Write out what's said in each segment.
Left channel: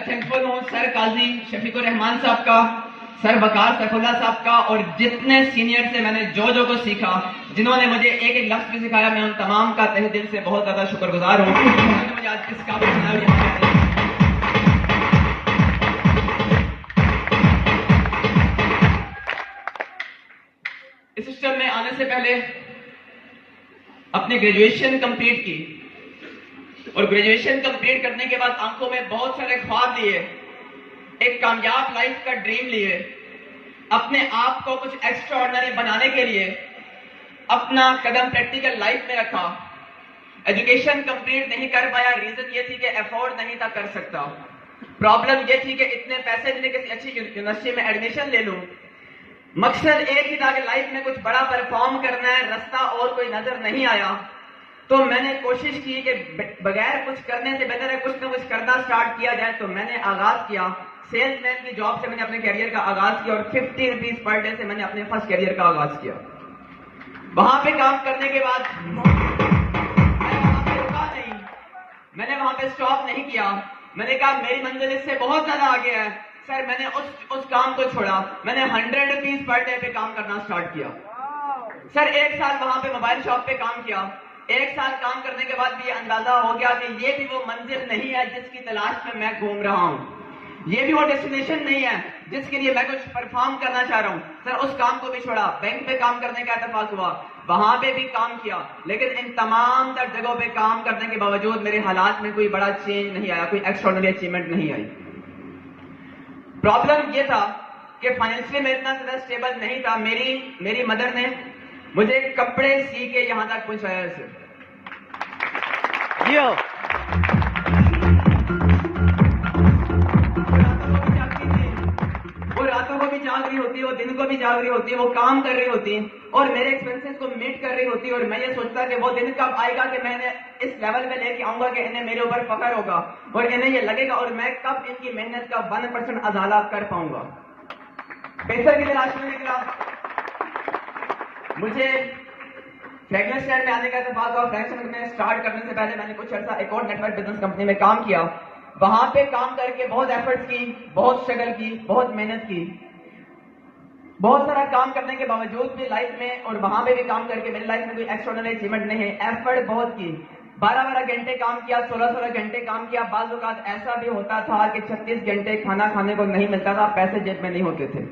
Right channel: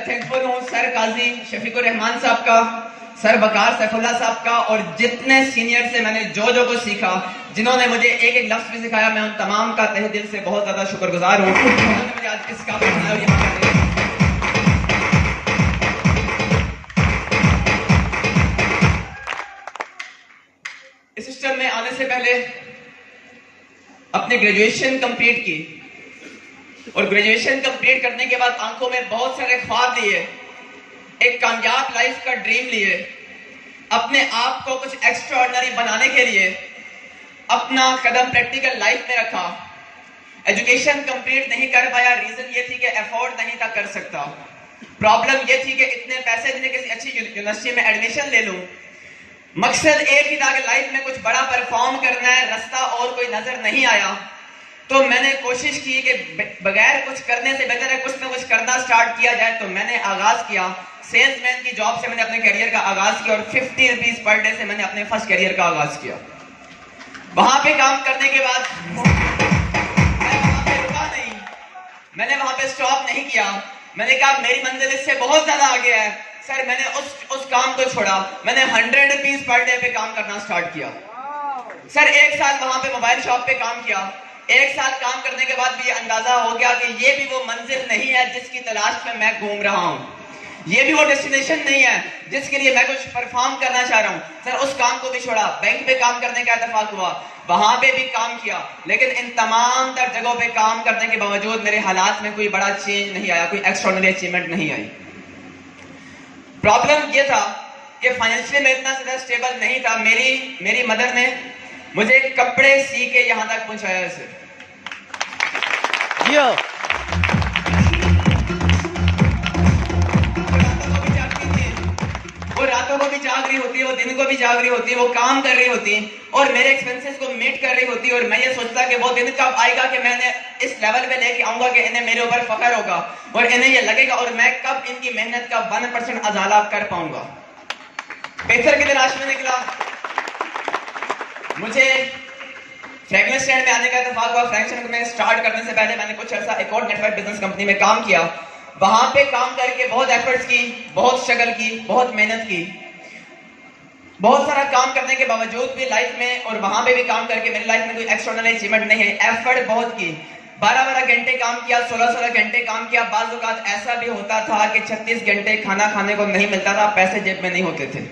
मैं थैंकफुल हूँ सर काजी शफीकुर रहमान साहब का, सर वकार सैफुल्लाह साहब का और जितने सीनियर से मैंने जो को सीखा, जिन्होंने मुझे एक एक लफ्ज भी सिखाया, मैं उन तमाम का तहे दिल से बहुत ज्यादा शुक्रगुजार हूँ। मुझे आज इस काबिल बनाया। इस सिस्टम में आने से पहले अपने ग्रेजुएशन कंप्लीट की और ग्रेजुएशन कंप्लीट करने के बाद आंखों में बहुत सारे ख्वाब लिए, एक कामयाब लाइफ का ड्रीम लिए, अपने आप को कुछ एक्स्ट्राऑर्डिनरी बनाने के लिए अपना कदम प्रैक्टिकल लाइफ में रखा। एजुकेशन कंप्लीट नहीं कर पाया, रीजन ये थी कि अफोर्ड नहीं था कर सकता। प्रॉब्लम ये थी कि इतने पैसे देने किसी अच्छी यूनिवर्सिटी में एडमिशन ले लूं। मकसद एक ही था कि लाइफ में कुछ बड़ा परफॉर्म करना है, रास्ता और कोई नजर नहीं आया। तो मैंने कोशिश की कि बगैर कुछ करने से बेहतर है कुछ ना कुछ करना स्टार्ट किया जाए। तो मैंने आगाज किया सेल्समैन की जॉब से, मैंने अपने करियर का आगाज किया और 50 रुपीज पर डे से मैंने अपने फर्स्ट करियर का आगाज किया। वहां पे काम करने के बाद मैं वहां पे रुका नहीं, मैंने वहां पे स्टॉप नहीं किया। मैंने कहा मेरी मंजिल इससे बहुत ज्यादा आगे है सर। मैंने उस काम को छोड़ा, मैंने 100 रुपीज पर डे पे काम करना स्टार्ट किया। सर 1 साल वहां पे मोबाइल शॉप पे काम किया। 1 साल काम करने के बाद भी ये अंदाजा हो गया कि ये भी वो मंजिल नहीं है जिसकी तलाश में मैं घूम रहा हूँ, ये भी वो डेस्टिनेशन नहीं है जिसके लिए मैं कुछ परफॉर्म करना चाह रहा हूँ। सर उस काम को भी छोड़ा, बैंक पे काम करने का इत्तेफाक हुआ, वहां पे भी काम किया, लेकिन इन तमाम तर जगहों पे काम करने के बावजूद मेरे हालात में कोई बड़ा चेंज नहीं आया, कोई एक्स्ट्राऑर्डिनरी अचीवमेंट नहीं आई। प्रॉब्लम ये था कि फाइनेंशियली मैं इतना ज्यादा स्टेबल नहीं था। मेरी मदर ने मुझे कपड़े सी के यहां तक पहुंचाया। इसे वो रातों को भी जाग रही होती है, वो दिन को भी जाग रही होती है, वो काम कर रही होती है और मेरे एक्सपेंसेस को मीट कर रही होती है। और मैं ये सोचता कि वो दिन कब आएगा कि मैंने इस लेवल पे लेके आऊंगा कि इन्हें मेरे ऊपर फख्र होगा और इन्हें ये लगेगा और मैं कब इनकी मेहनत का 1% अजाला कर पाऊंगा। बेहतर की तलाश में निकला। मुझे फ्रेगनेंस स्टैंड में आने का इत्तेफाक हुआ। फ्रेगनेंस स्टैंड में स्टार्ट करने से पहले मैंने कुछ अर्सा एक और नेटवर्क बिजनेस कंपनी में काम किया। वहां पे काम करके बहुत एफर्ट्स की, बहुत स्ट्रगल की, बहुत मेहनत की, बहुत सारा काम करने के बावजूद भी लाइफ में और वहां पे भी काम करके मेरी लाइफ में कोई एक्स्ट्राऑर्डिनरी अचीवमेंट नहीं है। एफर्ट बहुत की, 12-12 घंटे काम किया, 16-16 घंटे काम किया। बाज़ औक़ात ऐसा भी होता था कि 36 घंटे खाना खाने को नहीं मिलता था, पैसे जेब में नहीं होते थे।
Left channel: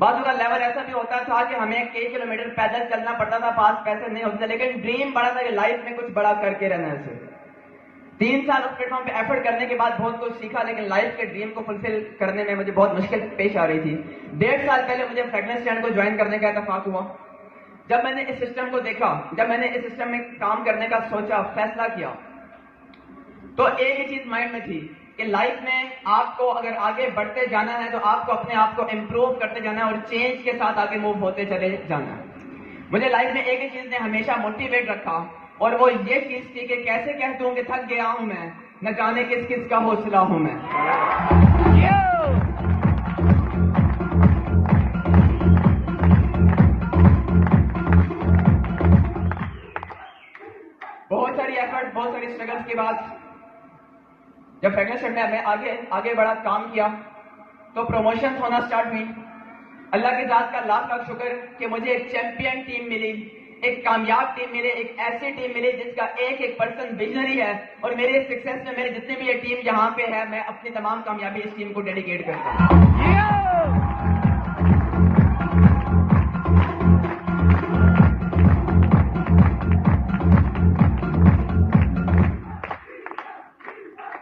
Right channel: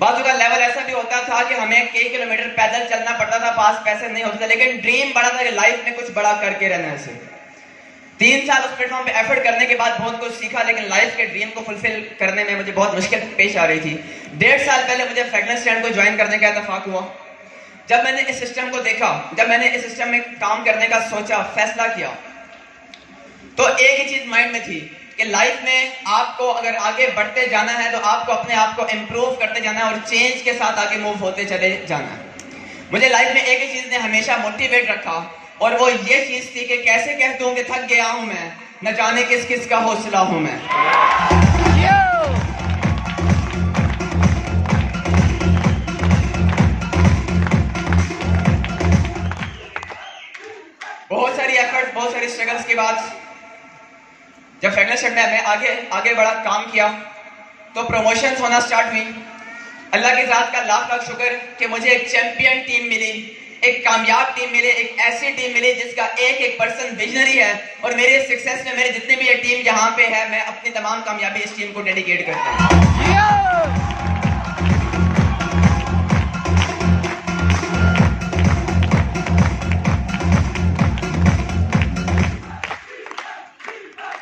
बाजू का लेवल ऐसा भी होता था कि हमें कई किलोमीटर पैदल चलना पड़ता था, पास पैसे नहीं होते थे, लेकिन ड्रीम बड़ा था कि लाइफ में कुछ बड़ा करके रहना है। 3 साल उस प्लेटफॉर्म पे एफर्ट करने के बाद बहुत कुछ सीखा, लेकिन लाइफ के ड्रीम को फुलफिल करने में मुझे बहुत मुश्किल पेश आ रही थी। 1.5 साल पहले मुझे फ्रेगनेंस स्टैंड को ज्वाइन करने का इत्तेफाक हुआ। जब मैंने इस सिस्टम को देखा, जब मैंने इस सिस्टम में काम करने का सोचा, फैसला किया, तो एक ही चीज माइंड में थी कि लाइफ में आपको अगर आगे बढ़ते जाना है तो आपको अपने आप को इम्प्रूव करते जाना है और चेंज के साथ आगे मूव होते चले जाना है। मुझे लाइफ में एक ही चीज ने हमेशा मोटिवेट रखा और वो ये चीज थी कि कैसे कह दूं कि थक गया हूं मैं, न जाने किस किस का हौसला हूं मैं। बहुत सारी एफर्ट, बहुत सारी स्ट्रगल्स के बाद जब फ्रेगनेंस स्टैंड में मैं आगे बढ़ा, काम किया, तो प्रमोशंस होना स्टार्ट हुई। अल्लाह की ज़ात का लाख लाख शुक्र कि मुझे एक चैंपियन टीम मिली, एक कामयाब टीम मिली, एक ऐसी टीम मिली जिसका एक पर्सन विजनरी है। और मेरे सक्सेस में मेरे जितने भी ये टीम यहाँ पे है, मैं अपनी तमाम कामयाबी इस टीम को डेडिकेट करता हूँ।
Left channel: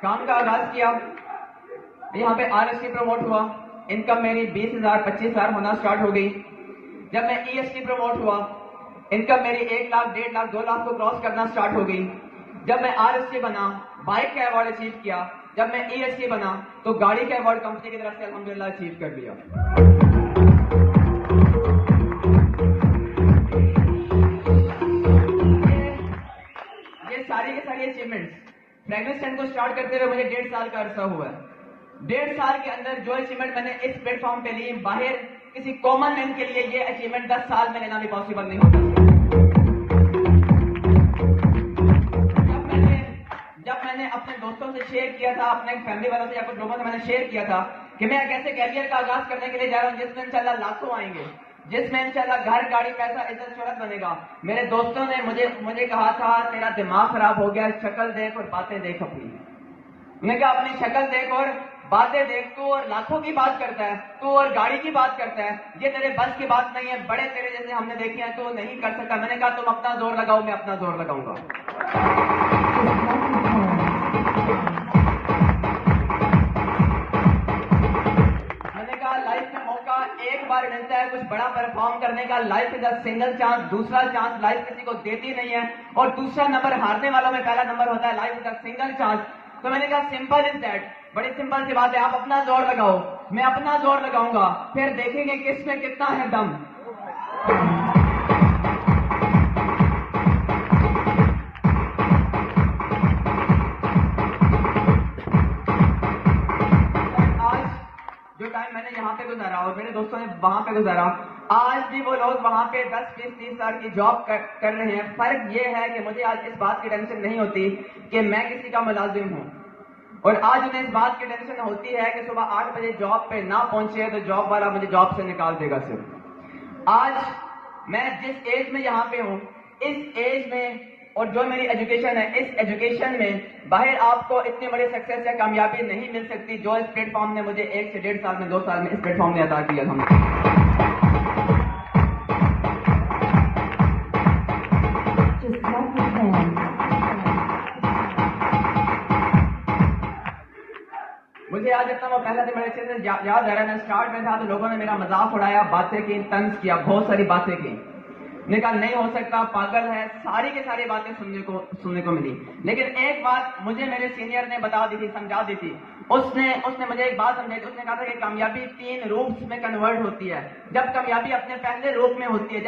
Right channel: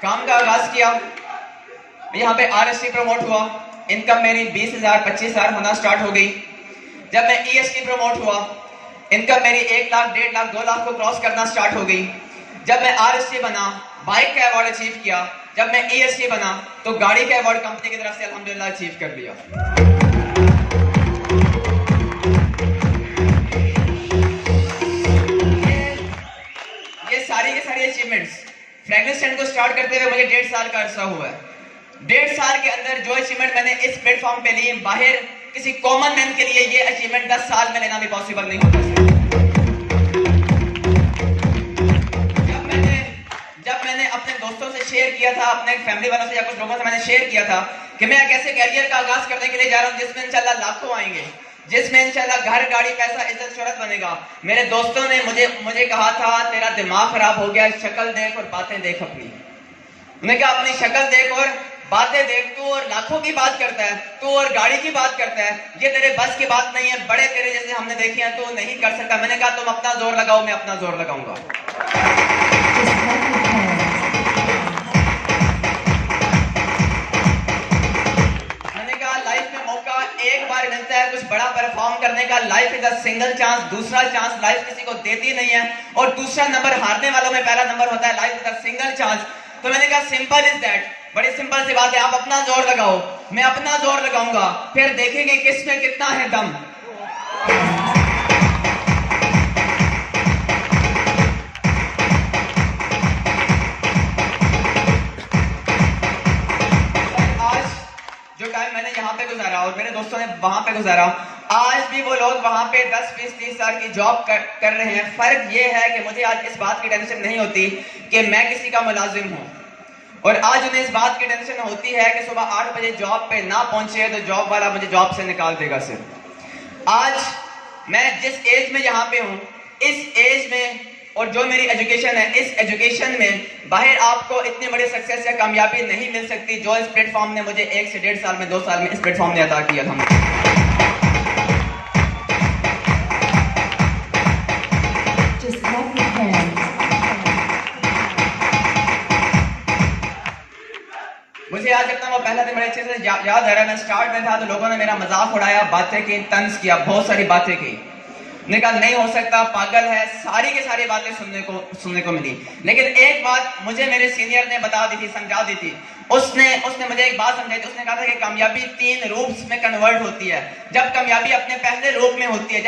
काम का आगाज किया, यहाँ पे RST प्रमोट हुआ, इनकम मेरी 20,000 25,000 होना स्टार्ट हो गई। जब मैं EST प्रमोट हुआ, इनकम मेरी 1 लाख 1.5 लाख 2 लाख को क्रॉस करना स्टार्ट हो गई। जब मैं RST बना, बाइक का अवार्ड अचीव किया। जब मैं EST बना तो गाड़ी का अवार्ड कंपनी की तरफ से अल्हम्दुलिल्लाह अचीव कर लिया। ये सारी के सारी अचीवमेंट्स फ्रेगनेंस स्टैंड को स्टार्ट करते हुए मुझे 1.5 साल का अरसा हुआ है। 1.5 साल के अंदर जो अचीवमेंट मैंने इस प्लेटफॉर्म पे ली, बाहर किसी कॉमन मैन के लिए ये अचीवमेंट 10 साल में लेना भी पॉसिबल नहीं होता। जब मैंने अपने दोस्तों से शेयर किया था अपने फैमिली वालों से या कुछ लोगों से मैंने शेयर किया था कि मैं एक ऐसे कैरियर का आगाज करने के लिए जा रहा हूं जिसमें इंशाल्लाह लाखों आएंगे, जिसमें इंशाल्लाह घर, गाड़ी, पैसा, इज्जत, शोहरत बनेगा। मेरे दोस्तों ने मुझे कहा था तेरा दिमाग खराब हो गया, शक्ल देख और बातें देख अपनी। उन्होंने कहा अपनी शक्ल देख और बातें देख, तू और लाखों की बात करता है, तू और गाड़ी की बात करता है, ये तेरे बस की बात नहीं है, बड़े तेरे जैसे हमने देखे हैं, तो नहीं कर सकता। मैंने कहा तुम अपना जोर लगाओ, मैं अपना जोर लगाऊंगा। मैंने कहा लाइफ में मौका एक बार मिलता है कुछ बड़ा परफॉर्म करने का। Life is a single chance, दूसरा चांस लाइफ किसी को देती नहीं है, और दूसरा नंबर हारने वालों में पहला नंबर होता है। Life is a single chance. तो मैंने कहा सिंपल इज दैट, बड़ी सिंपल सी बात है, आप अपना जोर लगाओ, मैं अपना जोर लगाऊंगा, फिर देखेंगे किसमें कितना है दम। आज जो टाइम मैंने यहाँ पे गुजारा और मेरे दोस्तों ने वहां पे गुजारा, आज भी वो लोग वहां पे 10, 20, 30 साल की जॉब कर रहे हैं। फर्क ये है कि मुझे आज इस बात की टेंशन नहीं होती कि मैं किसी का मुलाजिम हूं, और आज उन्हें इस बात की टेंशन होती है कि सुबह 8 बजे जॉब पे ना पहुंचे तो जॉब वाला मुझे जॉब से निकाल देगा। सिर्फ आज मैं जिस एज में यहाँ पे हूँ, इस एज में, और जो मेरी एजुकेशन है, इस एजुकेशन में बाहर आपको इतनी बड़ी सक्सेस या कामयाबी नहीं मिल सकती जो इस प्लेटफॉर्म ने मुझे 1 से 1.5 साल में, 2 साल में इस प्लेटफॉर्म ने अता किया था। मुझे आज अपना वो पहला दिन बड़े अच्छे से याद आ रहा है। मैं स्टार्ट में था तो लोगों ने मेरा मजाक उड़ाया, बातें की, तंज किया, बहुत सारी बातें की। निकल नहीं हो सकता, पागल है, सारी की सारी बातें सुनने को मिली। लेकिन एक बात मुझे मेरे सीनियर ने बता दी थी, समझा दी थी। उसने मुझे एक बात समझाई थी। उसने कहा था कि कामयाबी 3 रूप्स में कन्वर्ट होती है। जब कामयाबी अपने पहले रूप में होती है,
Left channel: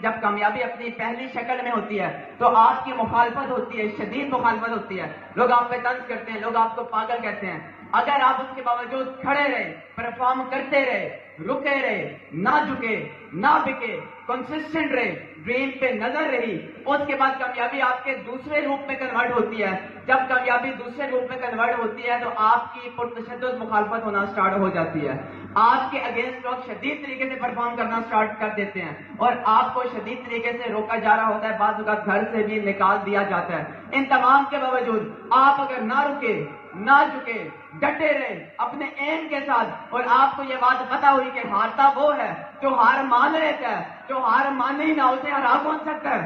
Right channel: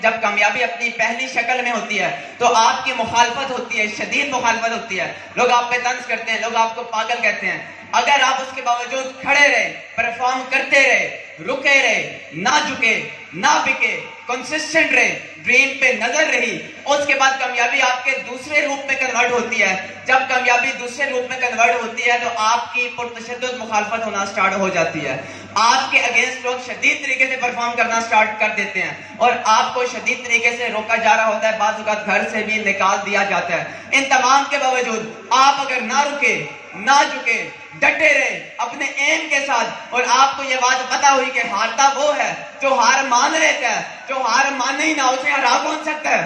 जब कामयाबी अपनी पहली शक्ल में होती है, तो आपकी मुखालफत होती है, शदीद मुखालफत होती है। लोग आप पे तंज करते हैं, लोग आपको पागल कहते हैं। अगर आप उसके बावजूद खड़े रहे, परफॉर्म करते रहे, रुके रहे, ना झुके, ना बिके, कंसिस्टेंट रहे, ड्रीम पे नजर रही, उसके बाद कामयाबी आपके दूसरे रूप में कन्वर्ट होती है। जब कामयाबी दूसरे रूप में कन्वर्ट होती है तो आपकी पुरतशद्दुद मुखालफत होना स्टार्ट हो जाती है। आपके अगेंस्ट लोग शदीद तरीके से परफॉर्म करना स्टार्ट कर देते हैं और आपको शदीद तरीके से रोका जा रहा होता है, बाज़ औक़ात घर से भी निकाल दिया जाता है। इन तमाम के बावजूद आप अगर ना रुके, ना झुके, डटे रहे अपने एम के साथ, और आपको ये बात पता हुई कि हारता वो है जो हार मान लेता है, जो हार माने ही ना उसे हरा कौन सकता है।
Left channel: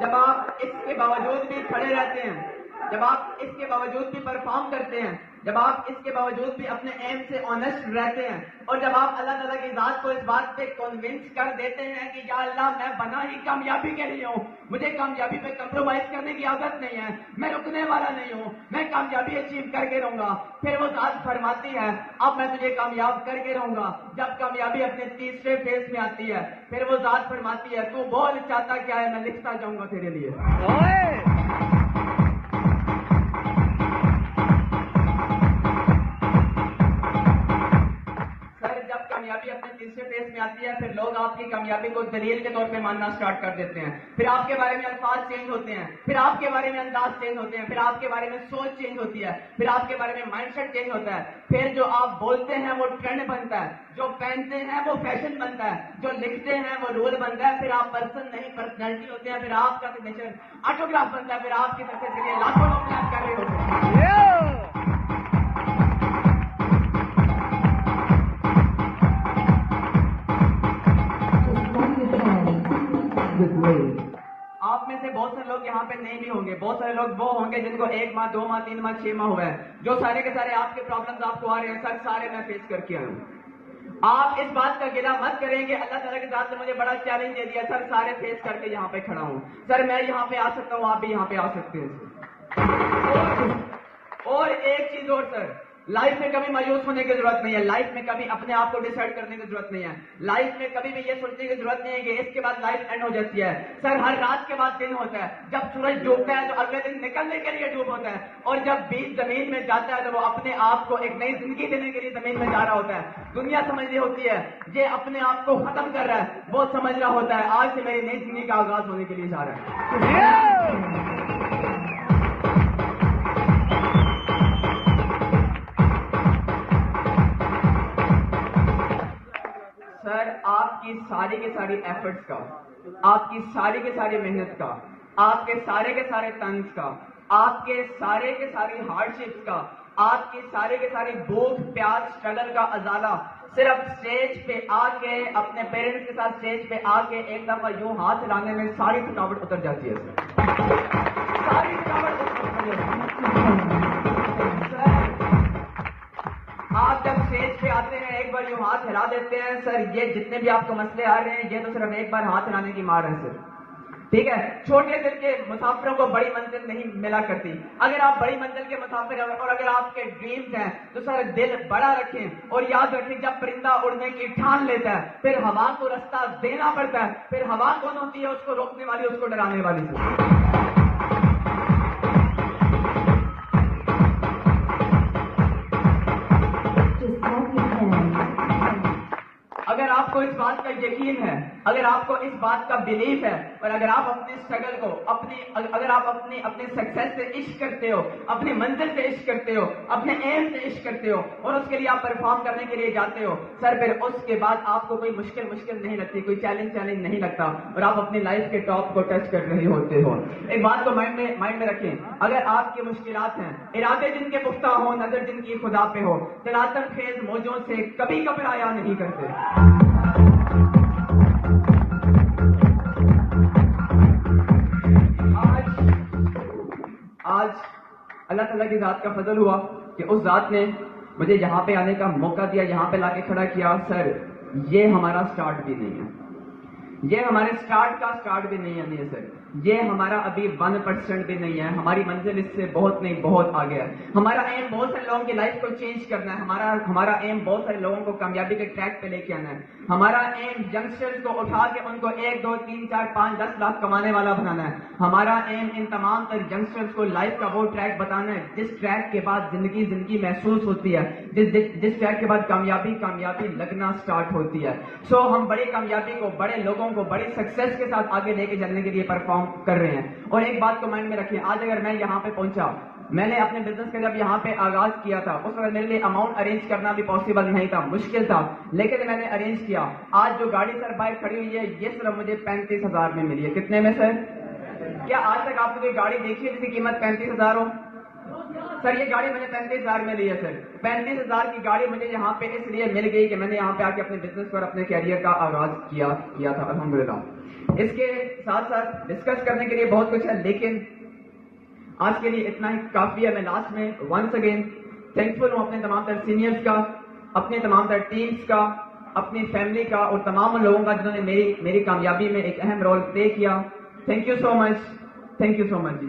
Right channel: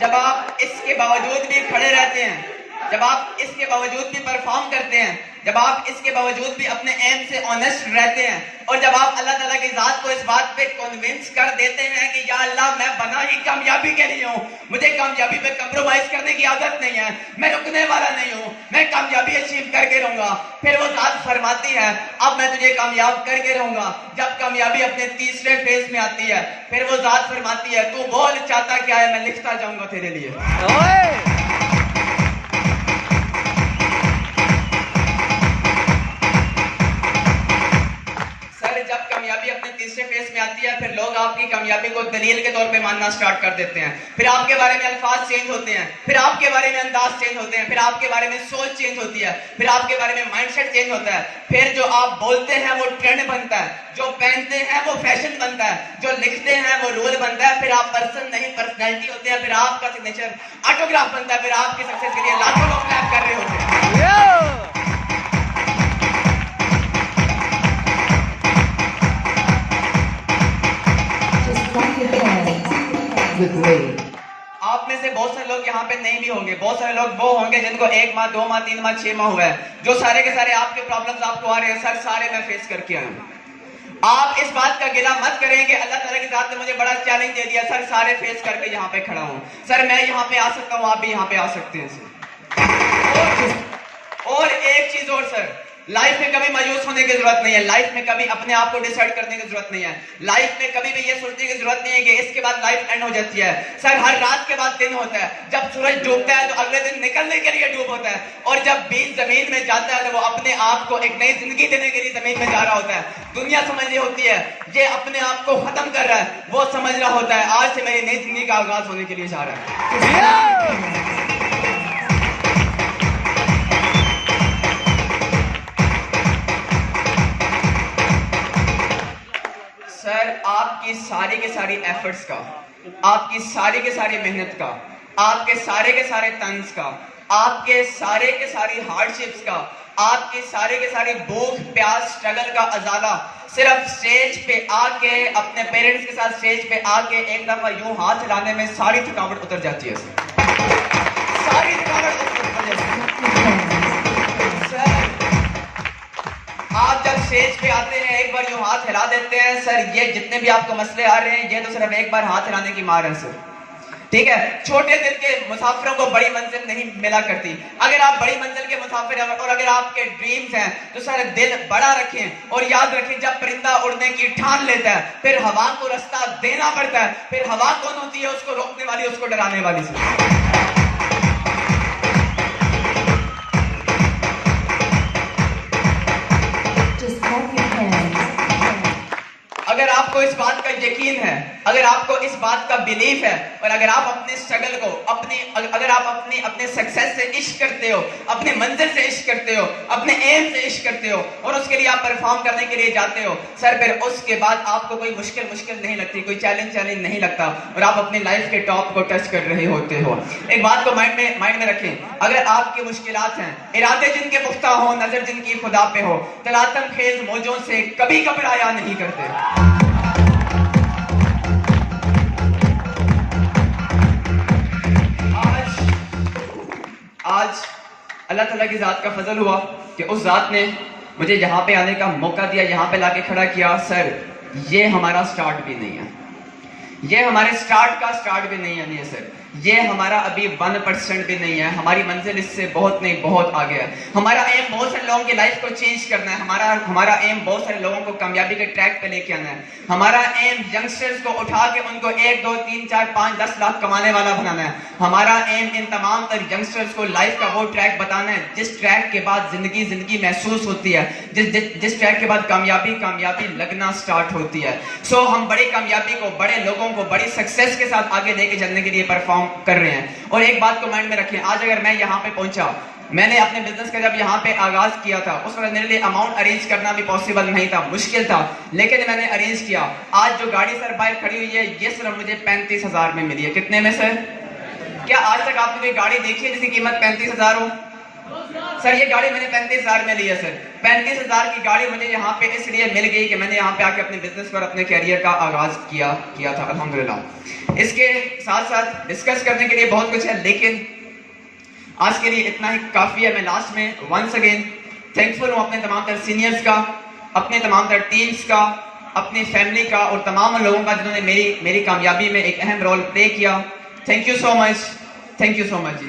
जब आप इसके बावजूद भी खड़े रहते हैं, जब आप इसके बावजूद भी परफॉर्म करते हैं, जब आप इसके बावजूद भी अपने एम से ऑनेस्ट रहते हैं, और जब आप अल्लाह ताला की जात को इस बात पे कन्विंस कर देते हैं कि या अल्लाह मैं बना ही कामयाबी के लिए हूँ, मुझे कामयाबी पे कंप्रोमाइज करने की आदत नहीं है, मैं रुकने वाला नहीं हूँ, मैं कामयाबी अचीव करके रहूंगा। फिर वो जात फरमाती है अब मैं तुझे कामयाब करके रहूंगा। जब कामयाबी अपने तीसरे फेज में आती है, फिर वो जात फरमाती है तू बोल चाहता क्या है, मैं लिखता जाऊंगा तेरे लिए। कामयाबी अपने तीसरे फेज में आती है, फिर लोग आपकी कामयाबी को दलील के तौर पे मानना स्टार्ट कर देते हैं। फिर आपके बारे में अल्फाज चेंज होते हैं, फिर आपके बारे में अंदाज चेंज होते हैं, फिर आपके बारे में सोच चेंज होती है, फिर आपके बारे में माइंडसेट चेंज होता है। फिर जो आप बोलते हैं वो ट्रेंड बनता है, जो पहनते हैं वो फैशन बनता है, जो लिखते हैं वो रोल बनता है। फिर आप पर्सन नहीं पर्सनैलिटी होते हैं, फिर आपका सिग्नेचर ऑटोग्राफ बनता है, फिर आपकी सक्सेस के लिए लाखों लोग क्लैप कर रहे होते हैं। आप में से बहुत सारे लोग यहाँ पे नहीं भी होंगे, बहुत सारे लोग वो होंगे जिनको 1 माह, 2 माह, 3 माह, 6 माह हुआ है, जो सारे के सारे आपके प्रॉब्लम्स आपको आ रहे हैं, सर सारे मैं फेस करके आया हूँ। आप इस बात का गिला मत करें कि अल्लाह ताला की जात ने मुझे बड़ा चैलेंज दे दिया, सर सारे फेस करके यहाँ पे खड़ा हूँ, सर मैं यहाँ पे आ सकता हूँ, आप भी यहाँ पे आ सकते हैं सर। और एक चीज और सर, लाइफ में कभी मायूस होने की जरूरत नहीं है, लाइफ में कभी अपने आप को डिसाइड करने की जरूरत नहीं है, लाइफ में कभी भी ये सोचने की जरूरत नहीं है कि इसके बाद लाइफ एंड हो जाती है। सर हर रात के बाद दिन होता है, जब सूरज डूबता है तो अगले दिन निकलने के लिए डूब होता है, और जब बीज जमीन में जाता है तो वो अपने आप को एक नई जिंदगी देने के लिए जमीन में जा रहा होता है। दुनिया समझ रही होती है ये अपने आप को खत्म कर रहा है, वो समझ रहा होता है आज से मेरी नई जिंदगी का आगाज होने के लिए जा रहा है। सर आपकी सारी के सारी एफर्ट्स का, आपकी सारी के सारी मेहनत का, आपके सारे के सारे तंज का, आपके सारे के सारी हार्डशिप्स का, आपकी सारे के सारी भूख प्यास स्ट्रगल का अजाला सिर्फ स्टेज पे आके अपने पेरेंट्स के साथ स्टेज पे आके एक दफा यूं हाथ हिलाने में सारी थकावट उतर जाती है। सारी थकावट उतर जाती है। सर आप जब स्टेज पे आते हैं एक बार यूं हाथ हिला देते हैं, सर ये जितने भी आपको मसले आ रहे हैं ये तो सिर्फ एक बार हाथ हिलाने की मार है सर, ठीक है। छोटे दिल के मुसाफिरों को बड़ी मंजिल नहीं मिला करती। अगर आप बड़ी मंजिल के मुसाफिर हैं और अगर आपके ड्रीम्स हैं तो सर दिल बड़ा रखें और याद रखें जब परिंदा उड़ने की ठान लेता है फिर हवा को रास्ता देना पड़ता है। फिर हवा कौन होती है? उसको रोकने वाली, उसको डराने वाली से। अगर आपको इस बात का यकीन है, अगर आपको इस बात का बिलीफ है और अगर आप अपने स्ट्रगल को अगर आप अपने सक्सेस से इश्क करते हो, अपने मंजिल से इश्क करते हो, अपने एम से इश्क करते हो और उसके लिए आप परफॉर्म करने के लिए जाते हो सर, फिर उसके बाद आपको कोई मुश्किल नहीं लगती, कोई चैलेंज नहीं लगता और आप अपनी लाइफ के टॉप को टच कर रहे होते हो। एक बात को माइंड में रखें, अगर आपकी मुश्किलात हैं, इरादे जिनके पुख्ता हो, नजर जिनकी खुदा पे हो, तलातम खेज मौजों से कभी घबराया नहीं करते। आज अल्लाह ताला की ज़ात का फजल हुआ कि उस ज़ात ने मुझे यहाँ पे आने का मौका दिया, यहाँ पे लाके खड़ा किया। सर ये हमारा स्टार्ट भी नहीं है, ये हमारे स्टार्ट का स्टार्ट भी नहीं है, नहीं सर, ये हमारा अभी 1% भी नहीं है। हमारी मंजिल इससे बहुत नहीं बहुत आगे है। हमारा एम बहुत सारे लोगों की लाइफ को चेंज करना है, हमारा एम बहुत सारे लोगों को कामयाबी के ट्रैक पे लेके आना है। हमारा एम यंगस्टर्स को उठा के उनको 1 2 3 4 5 10 लाख कमाने वाला बनाना है। हमारा एम इन तमाम तर यंगस्टर्स को लाइफ का वो ट्रैक बताना है जिस ट्रैक के बाद जिंदगी महसूस होती है, जिस ट्रैक के बाद कामयाबी लगना स्टार्ट होती है। सो हम बड़ी कामयाबी को, बड़े लोगों को बड़ी सक्सेस के साथ आगे लेके चलने के लिए परफॉर्म कर रहे हैं। और एक बात को माइंड में रखें, आज अगर मैं यहाँ पे पहुंचा, मैंने अपने बिजनेस का जब यहाँ पे आगाज किया था उस वक्त मेरे लिए अमाउंट अरेंज करना भी पॉसिबल नहीं था, मुश्किल था, लेकिन मैंने अरेंज किया। आज जो गाड़ी सर बाहर खड़ी हुई है ये सिर्फ मुझे 35,000 में मिली है। कितने में सर? क्या आज तक आपने कोई गाड़ी देखी है जिसकी कीमत 35,000 हो? सर ये गाड़ी मैंने 35,000 में ली है सर। 35,000 की गाड़ी मुझे यहाँ पे इसलिए मिल गई कि मैंने यहाँ पे आके अपने बिजनेस पर अपने कैरियर का आगाज किया था अल्हम्दुलिल्लाह। इसके साथ साथ डिस्कस करने के लिए बहुत कुछ है, लेकिन आज के लिए इतना ही काफी है। मैं लास्ट में वंस अगेन थैंकफुल हूँ अपने तमाम तर सीनियर्स का, अपने तमाम तर टीम्स का, अपनी फैमिली का और तमाम लोगों का जिन्होंने मेरी कामयाबी में एक अहम रोल प्ले किया। Thank you so much ji.